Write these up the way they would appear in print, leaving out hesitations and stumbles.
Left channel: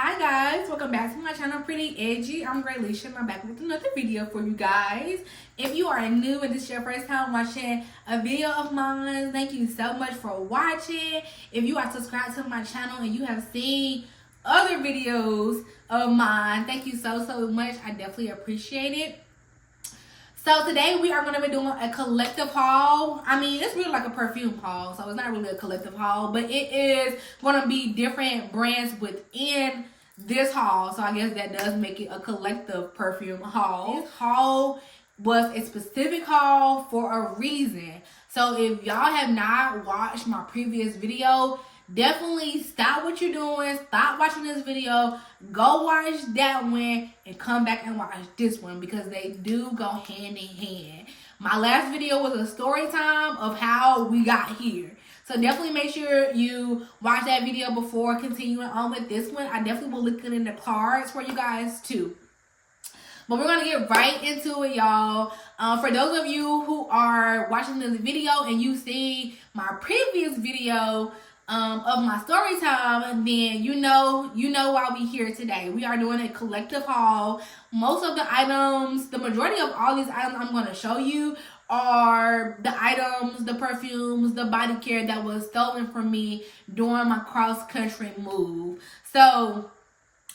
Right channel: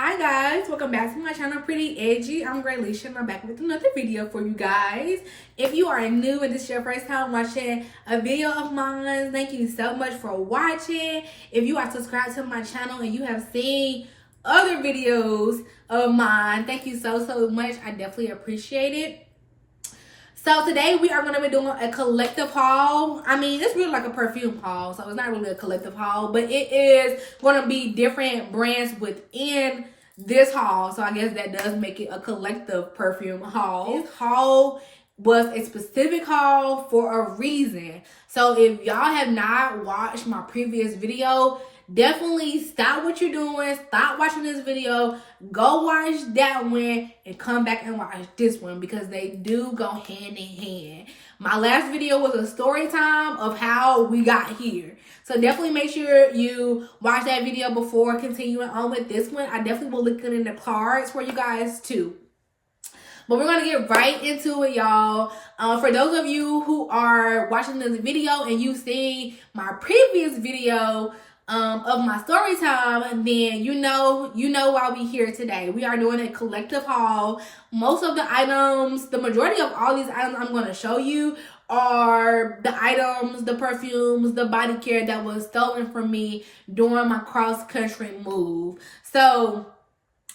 Hi guys, welcome back to my channel, Pretty Edgy. I'm Graylisha and I'm back with another video for you guys. If you are new and this is your first time watching a video of mine, thank you so much for watching. If you are subscribed to my channel and you have seen other videos of mine, thank you so much. I definitely appreciate it. So today we are going to be doing a collective haul. I mean, it's really like a perfume haul, so it's not really a collective haul, but it is going to be different brands within this haul. So I guess that does make it a collective perfume haul. This haul was a specific haul for a reason. So if y'all have not watched my previous video, definitely stop what you're doing, stop watching this video, go watch that one and come back and watch this one because they do go hand in hand. My last video was a story time of how we got here, so definitely make sure you watch that video before continuing on with this one. I definitely will link it in the cards for you guys too. But we're going to get right into it, y'all. For those of you who are watching this video and you see my previous video of my story time, then you know why we here today. We are doing a collective haul. Most of the items, the majority of all these items I'm going to show you are the items, the perfumes, the body care that was stolen from me during my cross-country move. So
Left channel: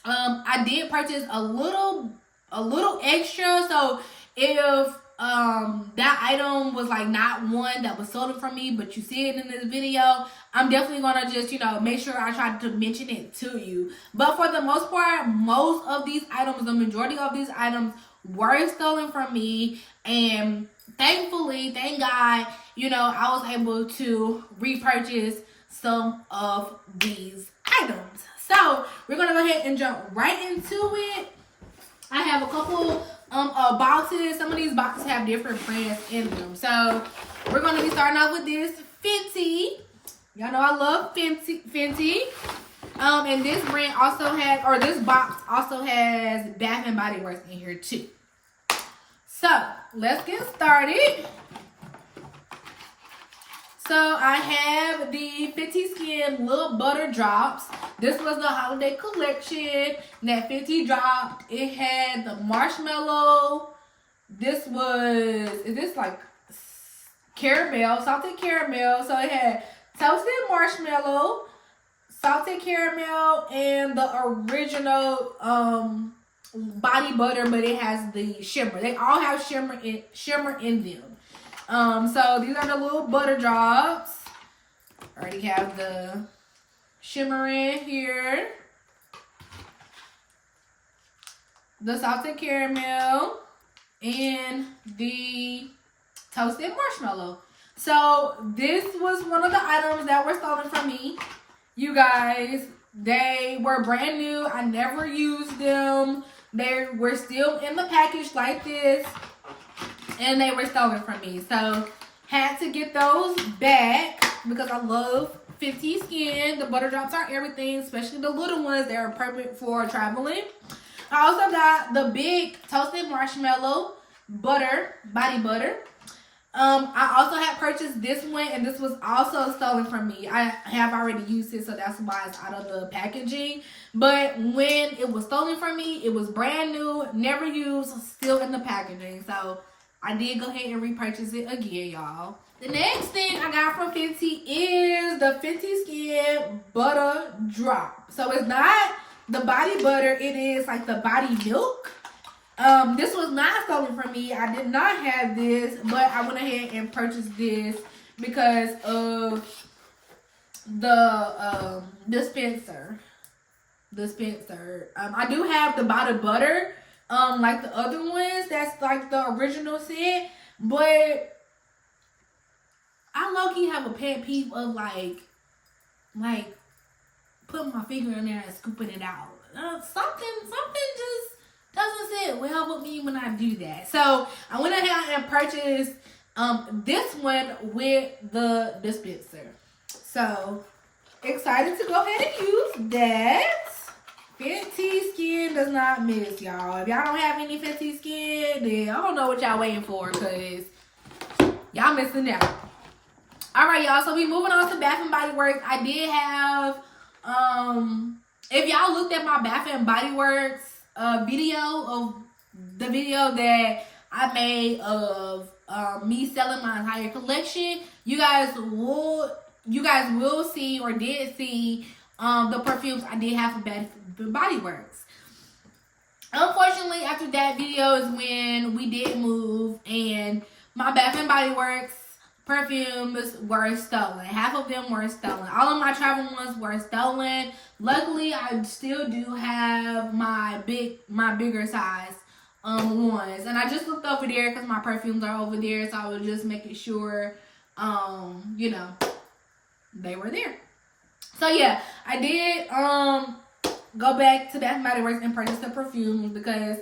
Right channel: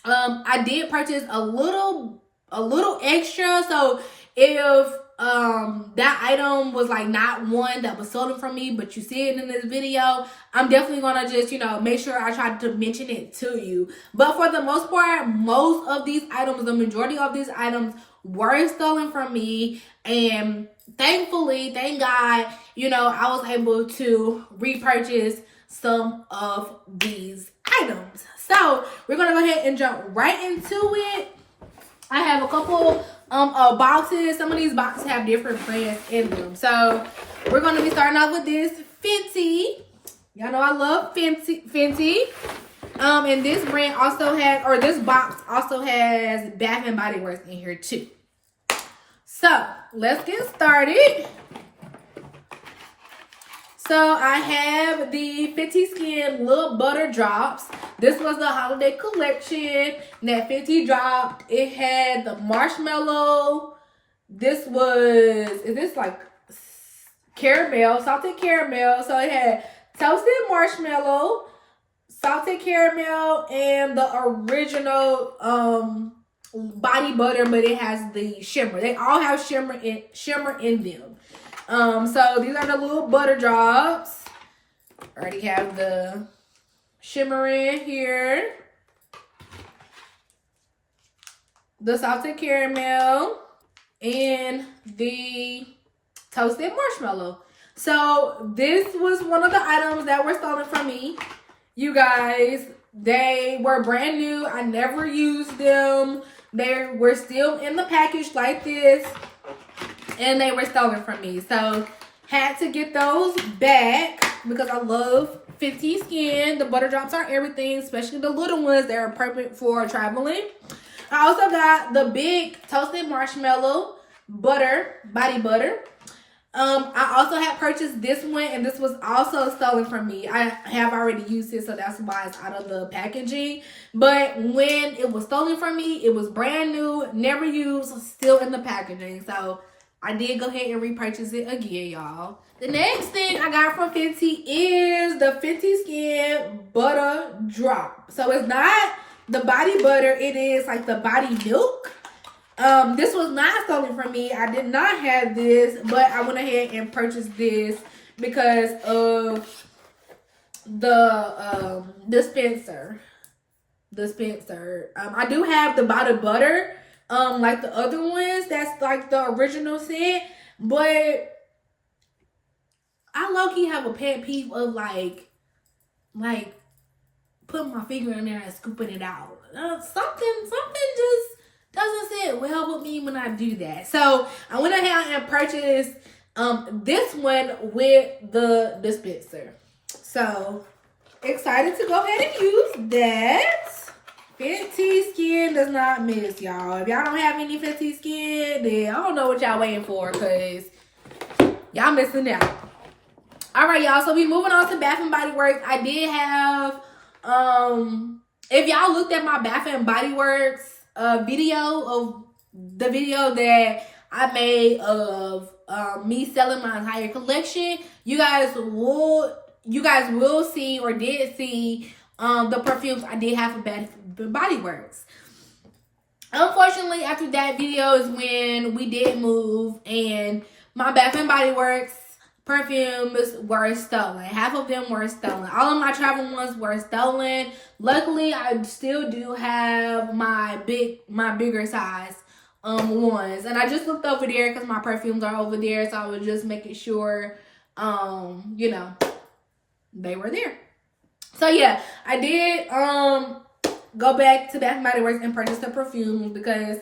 I did purchase a little extra. So if that item was like not one that was stolen from me, but you see it in this video, I'm definitely gonna just, make sure I try to mention it to you. But for the most part, most of these items, the majority of these items were stolen from me, and thankfully, thank God, I was able to repurchase some of these items. So we're gonna go ahead and jump right into it. I have a couple boxes. Some of these boxes have different brands in them. So we're going to be starting off with this Fenty. Y'all know I love Fenty. And this brand also has, or this box also has Bath and Body Works in here too. So let's get started. So I have the Fenty Skin Little Butter Drops. This was the holiday collection that Fenty dropped. It had the marshmallow. Is this like caramel, salted caramel. So it had toasted marshmallow, salted caramel, and the original body butter, but it has the shimmer. They all have shimmer in them. So these are the little butter drops. Already have the shimmer in here, the salted caramel, and the toasted marshmallow. So this was one of the items that were stolen from me, you guys. They were brand new. I never used them. They were still in the package like this, and they were stolen from me. So had to get those back because I love Fenty Skin. The butter drops are everything, especially the little ones. They're perfect for traveling. I also got the big toasted marshmallow body butter. I also had purchased this one, and this was also stolen from me. I have already used it, so that's why it's out of the packaging. But when it was stolen from me, it was brand new, never used, still in the packaging. So I did go ahead and repurchase it again, y'all. The next thing I got from Fenty is the Fenty Skin Butter Drop. So it's not the body butter, it is like the body milk. This was not stolen from me. I did not have this, but I went ahead and purchased this because of the dispenser. I do have the body butter, like the other ones, that's like the original scent, but I low-key have a pet peeve of like putting my finger in there and scooping it out. Something just doesn't sit well with me when I do that. So I went ahead and purchased this one with the dispenser. So excited to go ahead and use that. Fenty Skin does not miss, y'all. If y'all don't have any Fenty Skin, then I don't know what y'all waiting for, because y'all missing out. All right, y'all. So we moving on to Bath and Body Works. I did have if y'all looked at my Bath and Body Works video of the video that I made of me selling my entire collection, you guys will see or did see the perfumes I did have for Bath and Body Works. Unfortunately, after that video is when we did move and my Bath and Body Works perfumes were stolen. Half of them were stolen. All of my travel ones were stolen. Luckily, I still do have my bigger size ones. And I just looked over there because my perfumes are over there. So I was just making sure, you know, they were there. So yeah, I did go back to Bath and Body Works and purchase the perfumes because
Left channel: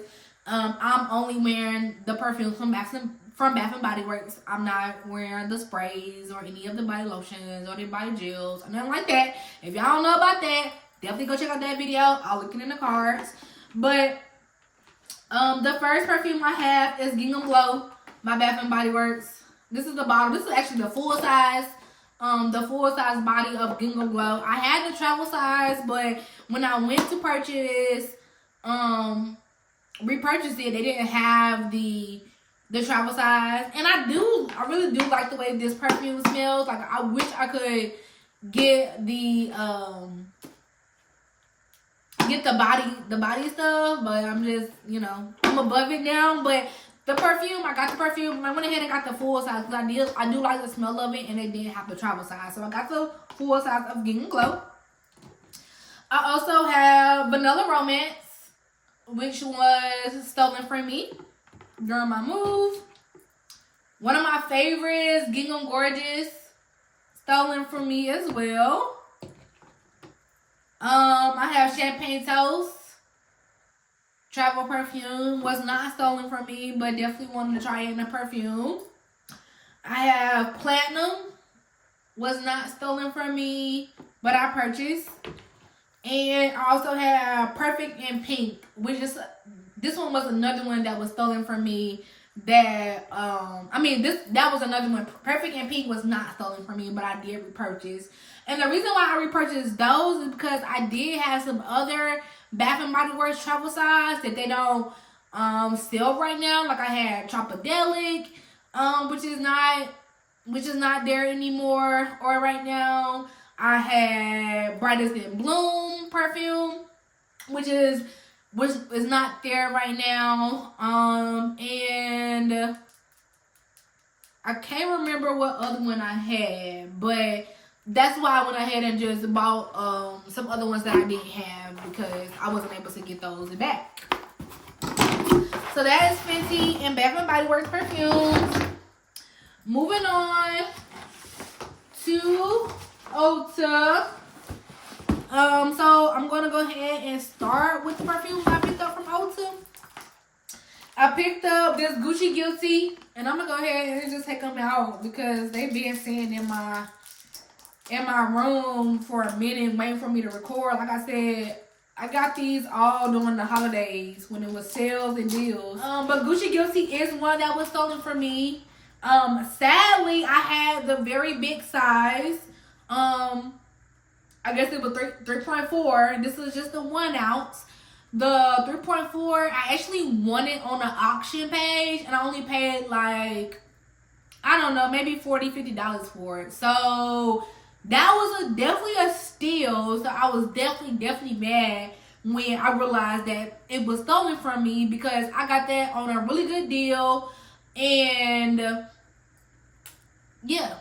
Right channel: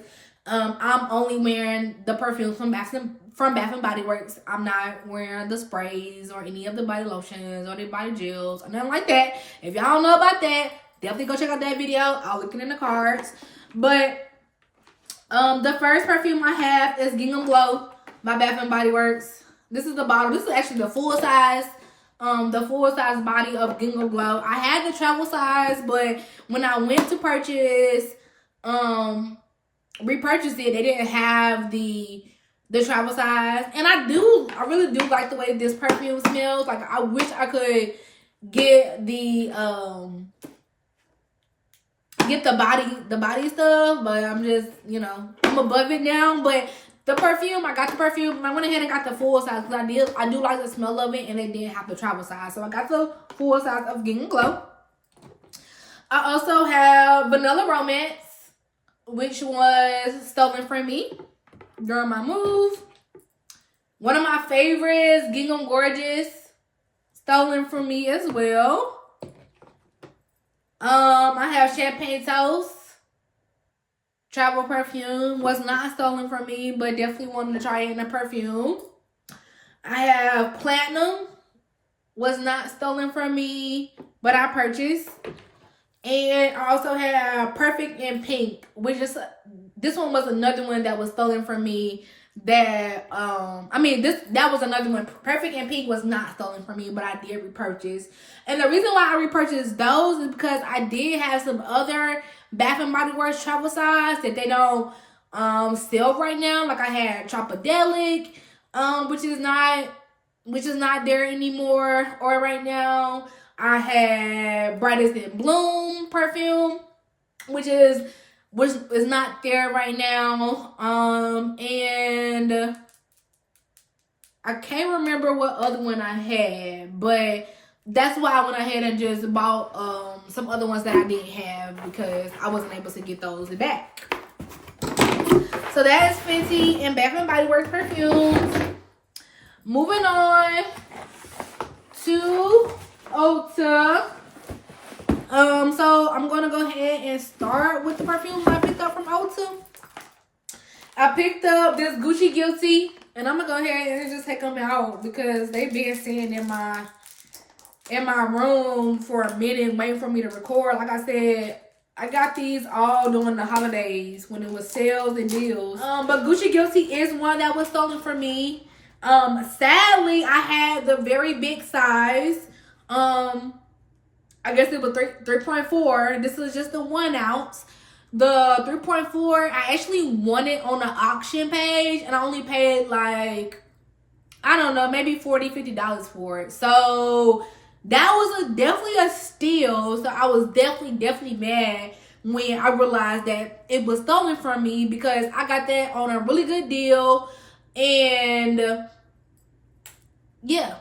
I'm only wearing the perfumes from Bath and Body Works. I'm not wearing the sprays or any of the body lotions or the body gels or nothing like that. If y'all don't know about that, definitely go check out that video. I'll link it in the cards. But the first perfume I have is Gingham Glow by Bath and Body Works. This is the bottle. This is actually the full size body of Gingham Glow. I had the travel size, but when I went to repurchase it, they didn't have the travel size. And I really do like the way this perfume smells. Like, I wish I could get the body stuff, but I'm just, you know, I'm above it now. But the perfume, I got the perfume, and I went ahead and got the full size because I do like the smell of it, and they didn't have the travel size. So I got the full size of Gingham Glow. I also have Vanilla Romance, which was stolen from me during my move. One of my favorites, Gingham Gorgeous, stolen from me as well. I have Champagne Toast, travel perfume, was not stolen from me, but definitely wanted to try it in a perfume. I have Platinum, was not stolen from me, but I purchased. And I also have Perfect in Pink, which is, this one was another one that was stolen from me. That was another one. Perfect in Pink was not stolen from me, but I did repurchase. And the reason why I repurchased those is because I did have some other Bath and Body Works travel size that they don't sell right now. Like I had Tropodelic, which is not there anymore or right now. I had Brightest in Bloom perfume, which is not there right now. And I can't remember what other one I had, but that's why I went ahead and just bought some other ones that I didn't have because I wasn't able to get those back. So that is Fenty and Bath and Body Works perfumes. Moving on to Ulta. So I'm gonna go ahead and start with the perfumes I picked up from Ulta. I picked up this Gucci Guilty, and I'm gonna go ahead and just take them out because they've been sitting in my room for a minute waiting for me to record. Like I said, I got these all during the holidays when it was sales and deals. But Gucci Guilty is one that was stolen from me. Sadly, I had the very big size. I guess it was 3.4. This is just the 1 ounce. The 3.4, I actually won it on the auction page, and I only paid like, I don't know, maybe $40, $50 for it. So that was definitely a steal. So I was definitely mad when I realized that it was stolen from me because I got that on a really good deal. And yeah,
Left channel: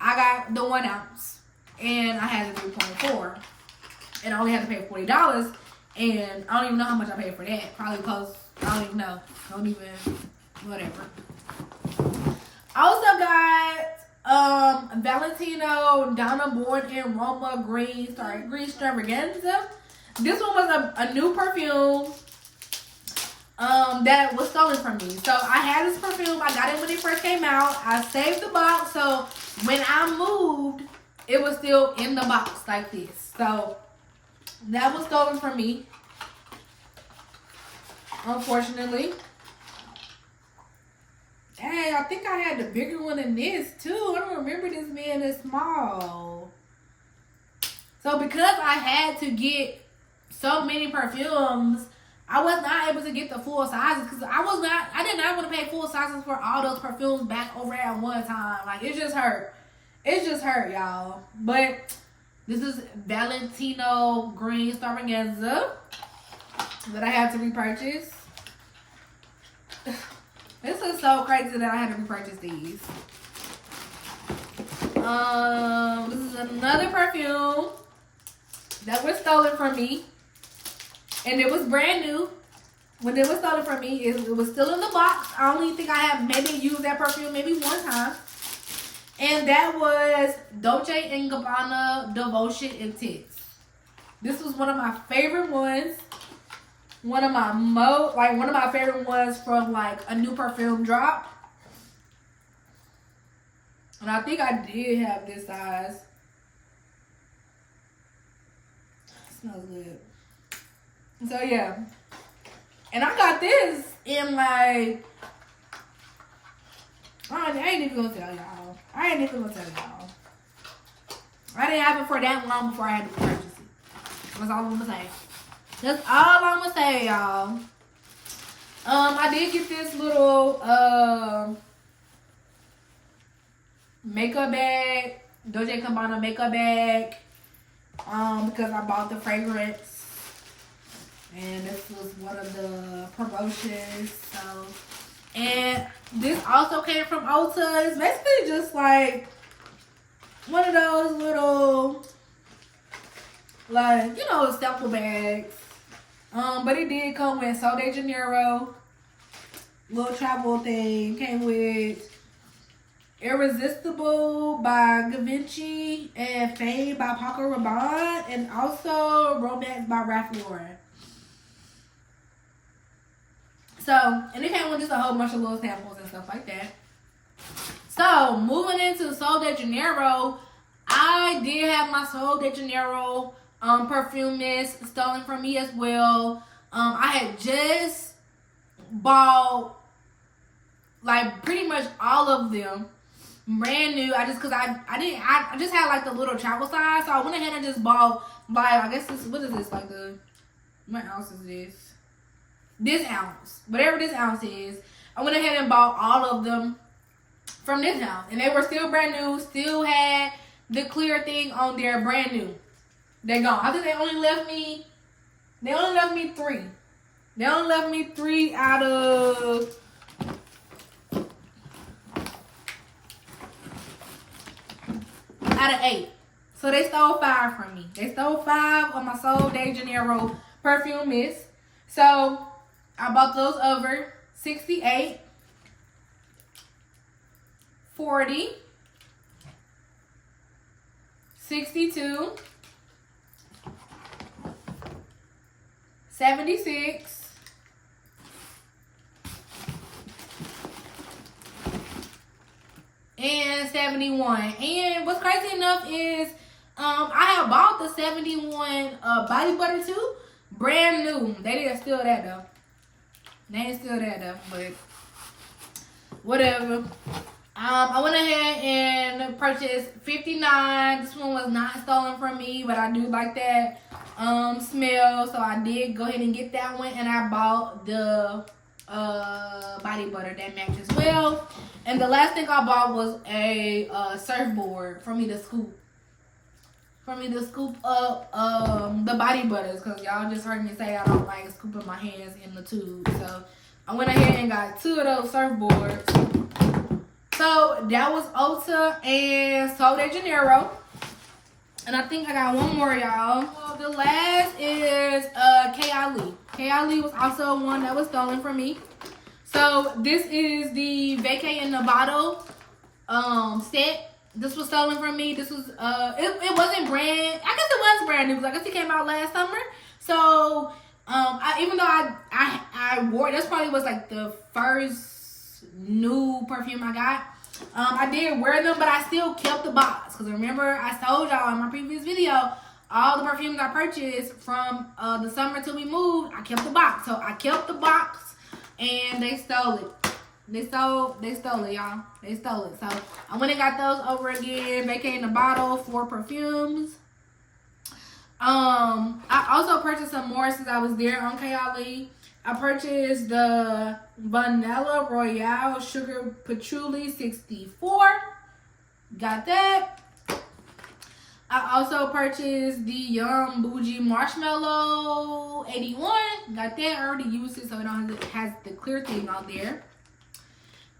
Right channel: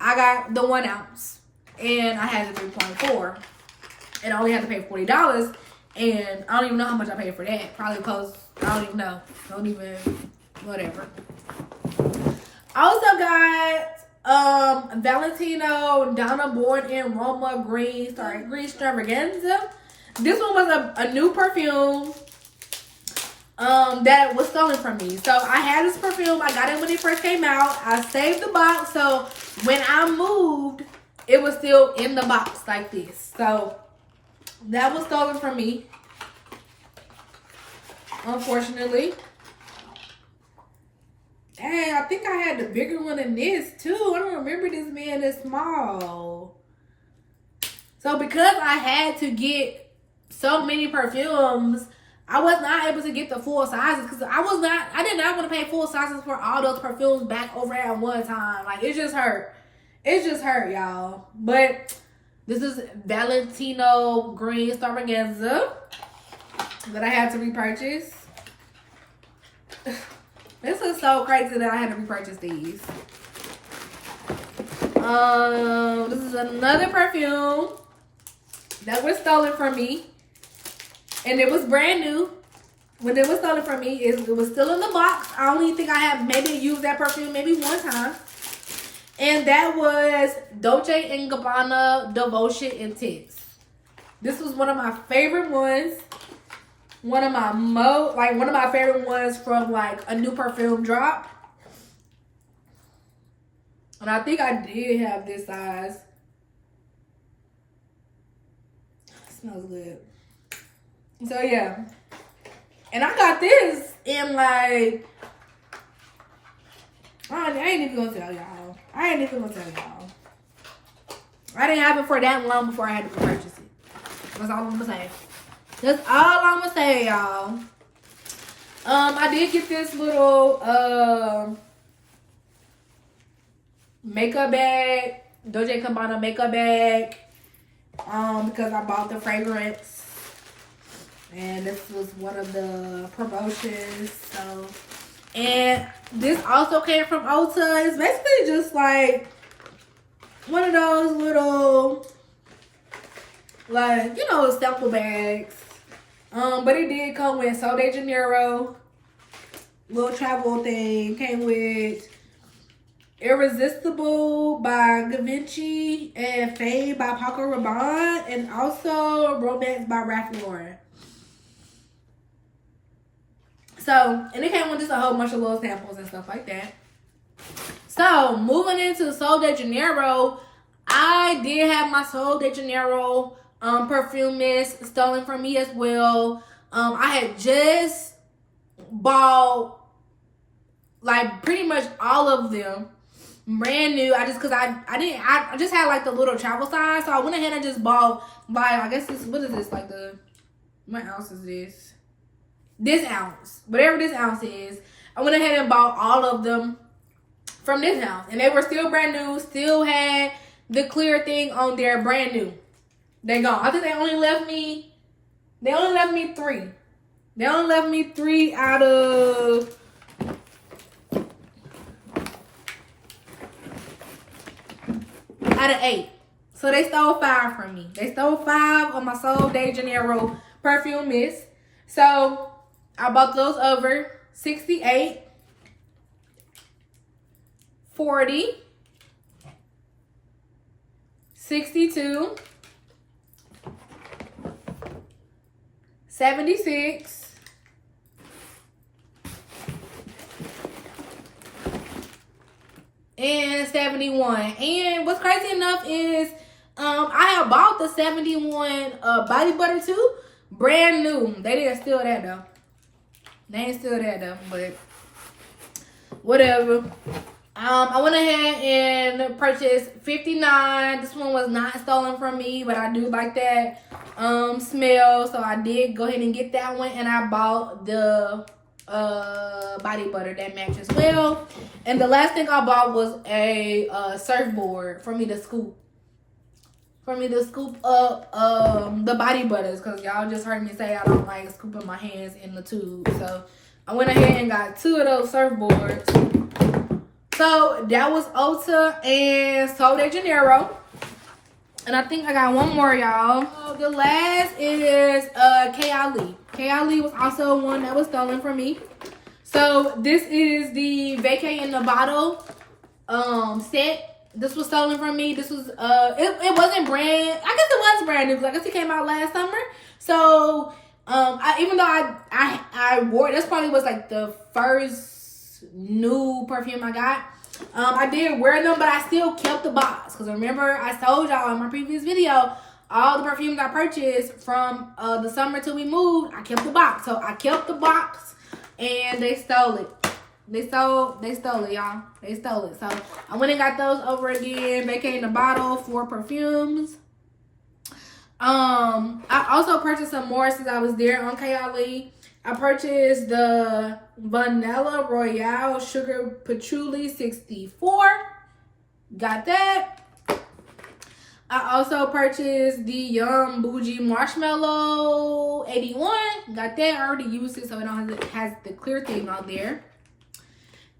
I got the 1 ounce. And I had the 3.4. And I only had to pay $40. And I don't even know how much I paid for that. Probably close. I don't even know. Whatever. I also got Valentino Donna Born in Roma Green Extravaganza. This one was a new perfume that was stolen from me. So I had this perfume. I got it when it first came out. I saved the box. So when I moved, it was still in the box like this. So that was stolen from me, unfortunately. Dang, I think I had the bigger one than this too. I don't remember this being this small. So because I had to get so many perfumes, I was not able to get the full sizes because I did not want to pay full sizes for all those perfumes back over at one time. Like, it just hurt. It just hurt, y'all. But this is Valentino Green Extravaganza that I had to repurchase. This is so crazy that I had to repurchase these. This is another perfume that was stolen from me. And it was brand new. When it was stolen from me, it was still in the box. I only think I have maybe used that perfume maybe one time. And that was Dolce & Gabbana Devotion Intense. This was one of my favorite ones. One of my favorite ones from like a new perfume drop. And I think I did have this size. It smells good. So yeah. And I got this in like, I ain't even gonna tell y'all. I didn't have it for that long before I had to purchase it. That's all I'm gonna say. That's all I'm gonna say, y'all. I did get this little makeup bag, Dolce & Gabbana makeup bag, because I bought the fragrance. And this was one of the promotions. So, and this also came from Ulta. It's basically just like one of those little, like, you know, sample bags. But it did come with Sol de Janeiro, little travel thing. Came with Irresistible by Givenchy and Fade by Paco Rabanne, and also Romance by Ralph Lauren. So, and it came with just a whole bunch of little samples and stuff like that. So, moving into Sol de Janeiro, I did have my Sol de Janeiro perfume mist stolen from me as well. I had just bought like pretty much all of them brand new. I just had like the little travel size, so I went ahead and just bought like, I guess this, what is this, like what ounce is this ounce, whatever this ounce is. I went ahead and bought all of them from this house, and they were still brand new, still had the clear thing on there, brand new. They gone. I think they only left me 3. They only left me 3 out of out of 8. So they stole 5 from me. They stole 5 of my Sol de Janeiro perfume mist. So I bought those over 68, 40, 62, 76, and 71. And what's crazy enough is I have bought the 71 body butter too, brand new. They didn't steal that though. They ain't steal that though, but whatever. I went ahead and purchased 59. This one was not stolen from me, but I do like that smell, so I did go ahead and get that one. And I bought the body butter that matches well. And the last thing I bought was a surfboard for me to scoop up the body butters, because y'all just heard me say I don't like scooping my hands in the tube. So I went ahead and got 2 of those surfboards. So that was Ulta and Sol de Janeiro. And I think I got one more, y'all. So the last is K.I.Lee. K.I.Lee was also one that was stolen from me. So this is the Vacay in the Bottle set. This was stolen from me. This was it wasn't brand. I guess it was brand new because I guess it came out last summer. So even though I wore it, this probably was like the first new perfume I got. I did wear them, but I still kept the box, because remember I told y'all in my previous video, all the perfumes I purchased from the summer till we moved, I kept the box. So I kept the box, and they stole it. They stole it, y'all. They stole it. So I went and got those over again. Vacay in the Bottle for Perfumes. I also purchased some more since I was there on KLE. I purchased the Vanilla Royale Sugar Patchouli 64. Got that. I also purchased the Yum Bougie Marshmallow 81. Got that. I already used it, so it don't have has the clear thing on there.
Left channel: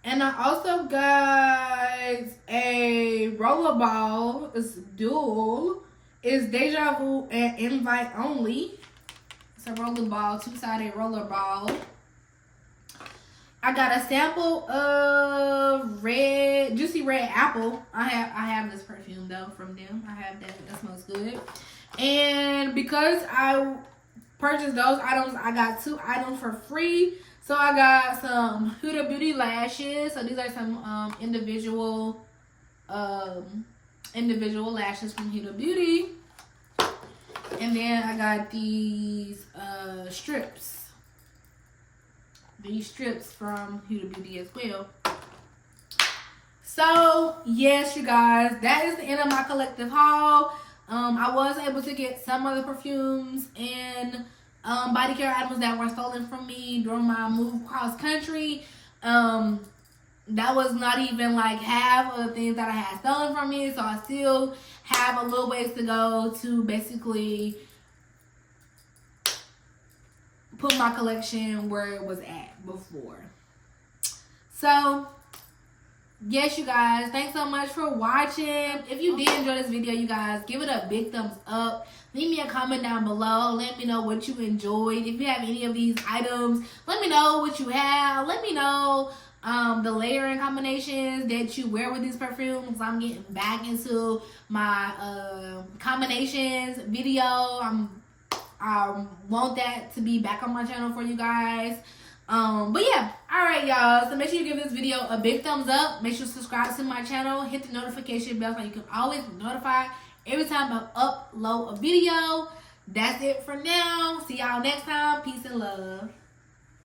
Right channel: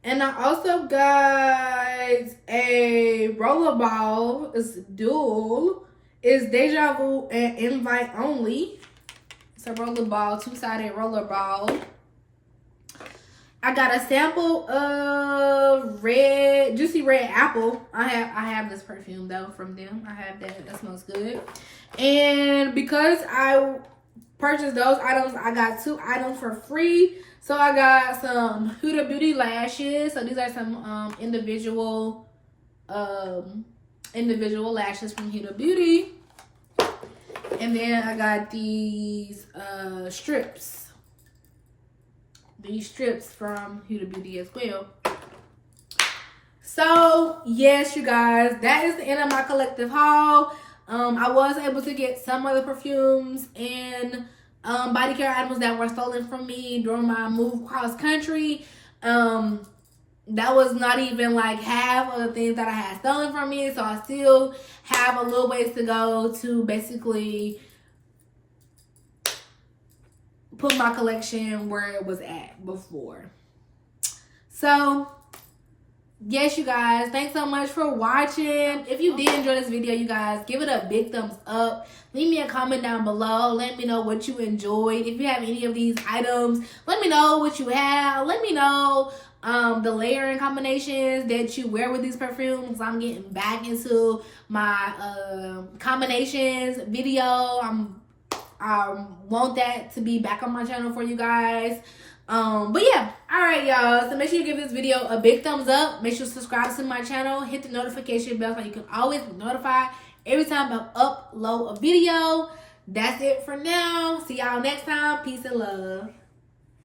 And I also got a rollerball. It's dual. It's Deja Vu and Invite Only. It's a rollerball, two-sided rollerball. I got a sample of Juicy Red Apple. I have this perfume though from them. I have that. That smells good. And because I purchased those items, I got 2 items for free. So I got some Huda Beauty lashes. So these are some individual lashes from Huda Beauty. And then I got these strips. These strips from Huda Beauty as well. So yes, you guys, that is the end of my collective haul. I was able to get some of the perfumes and body care items that were stolen from me during my move cross country. That was not even like half of the things that I had stolen from me, so I still have a little ways to go to basically put my collection where it was at before. So yes, you guys, thanks so much for watching. If you did enjoy this video, you guys, give it a big thumbs up. Leave me a comment down below. Let me know what you enjoyed. If you have any of these items, let me know what you have. Let me know the layering combinations that you wear with these perfumes. I'm getting back into my combinations video. I want that to be back on my channel for you guys. But yeah, all right, y'all. So make sure you give this video a big thumbs up. Make sure to subscribe to my channel. Hit the notification bell so you can always be notified every time I upload a video. That's it for now. See y'all next time. Peace and love.